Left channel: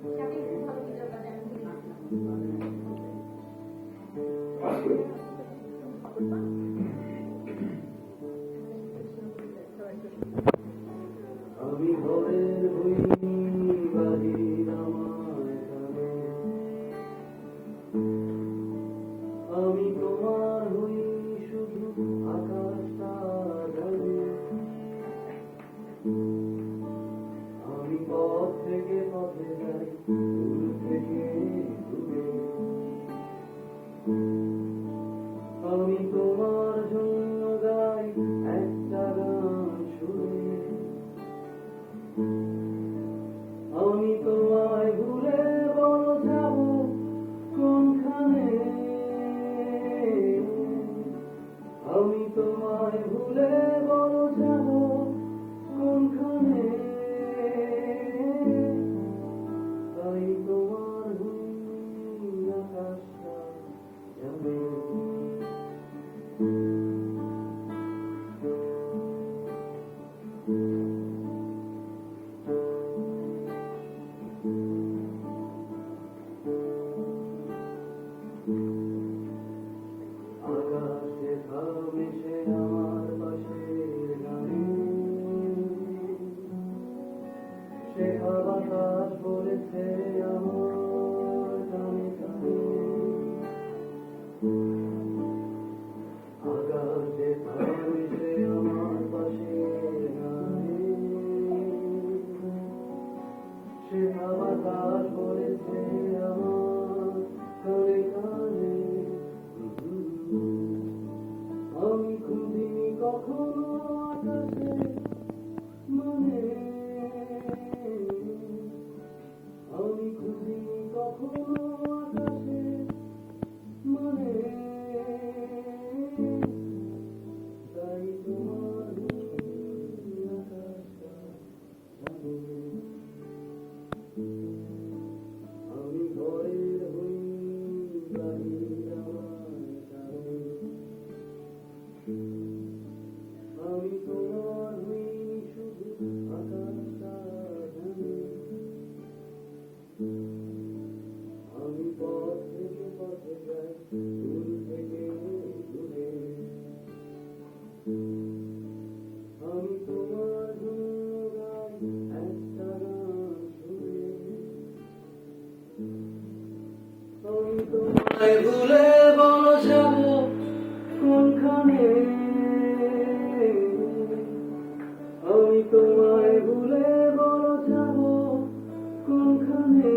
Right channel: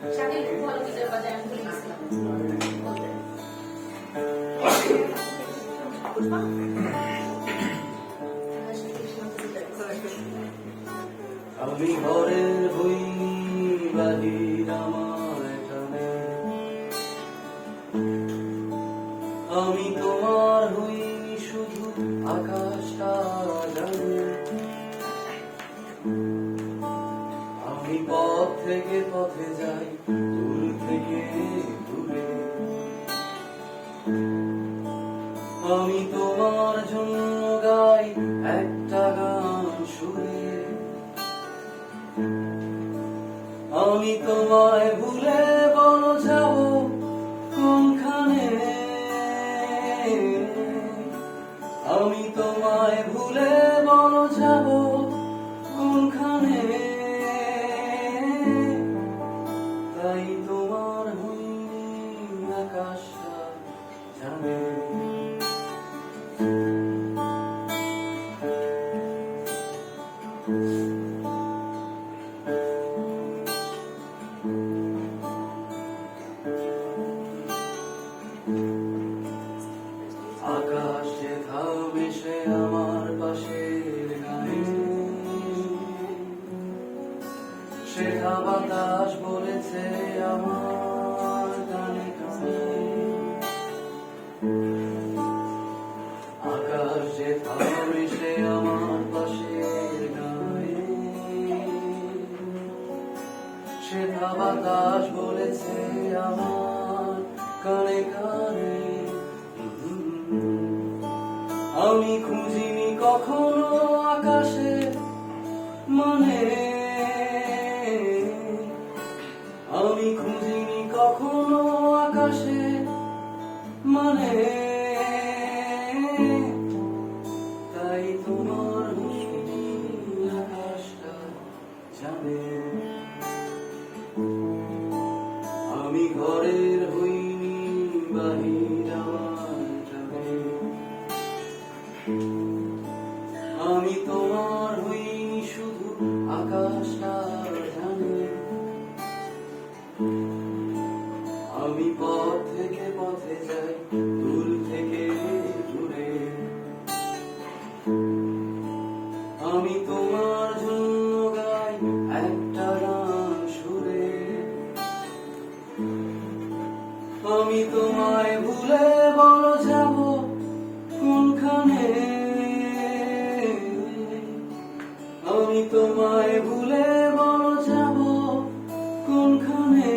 শাকিল খুব ভালো গিটার বাজায়, আমি ভুলে গেছিলাম বলতে। আমি ঘরের হইনি বাহির আমার এখানে, আমি তোমার হইনি শুধু আকাশটা জানি। আমি পথ থেকে পথে যাই, দূর থেকে দূরে, আমি তোমার জন্য গাই একটা গান সুরে। আমি তোমায় ভুলে বড় যাব কোনখানে, আমি তোমায় ভুলে বড় যাব কোনখানে, তাই তোমার হইনি আকাশটা জানে। আকাশে থামে সে আমার পাশের গায়ে, সেটা বাতাস বলেছে আমার গানে কানে। আকাশে থামে সে আমার পাশের গায়ে, সেটা বাতাস বলেছে আমার কানে কানে। আমি খুঁজিনি কখনো আকাশে মানে, আমি খুঁজিনি কখনো আকাশে মানে, তাই তোমার হইনি আকাশটা জানে। আমি ঘরের হইনি বাহির আমার জানে, আমি তোমার হইনি শুধু আকাশটা জানে। আমি পথ থেকে পথে যাই, দূর থেকে দূরে, আমি তোমার জন্য গাই একটা গান সুরে। আমি তোমায় ভুলে বড় যাব কোনখানে, আমি তোমায় ভুলে বড় যাব কোনখানে।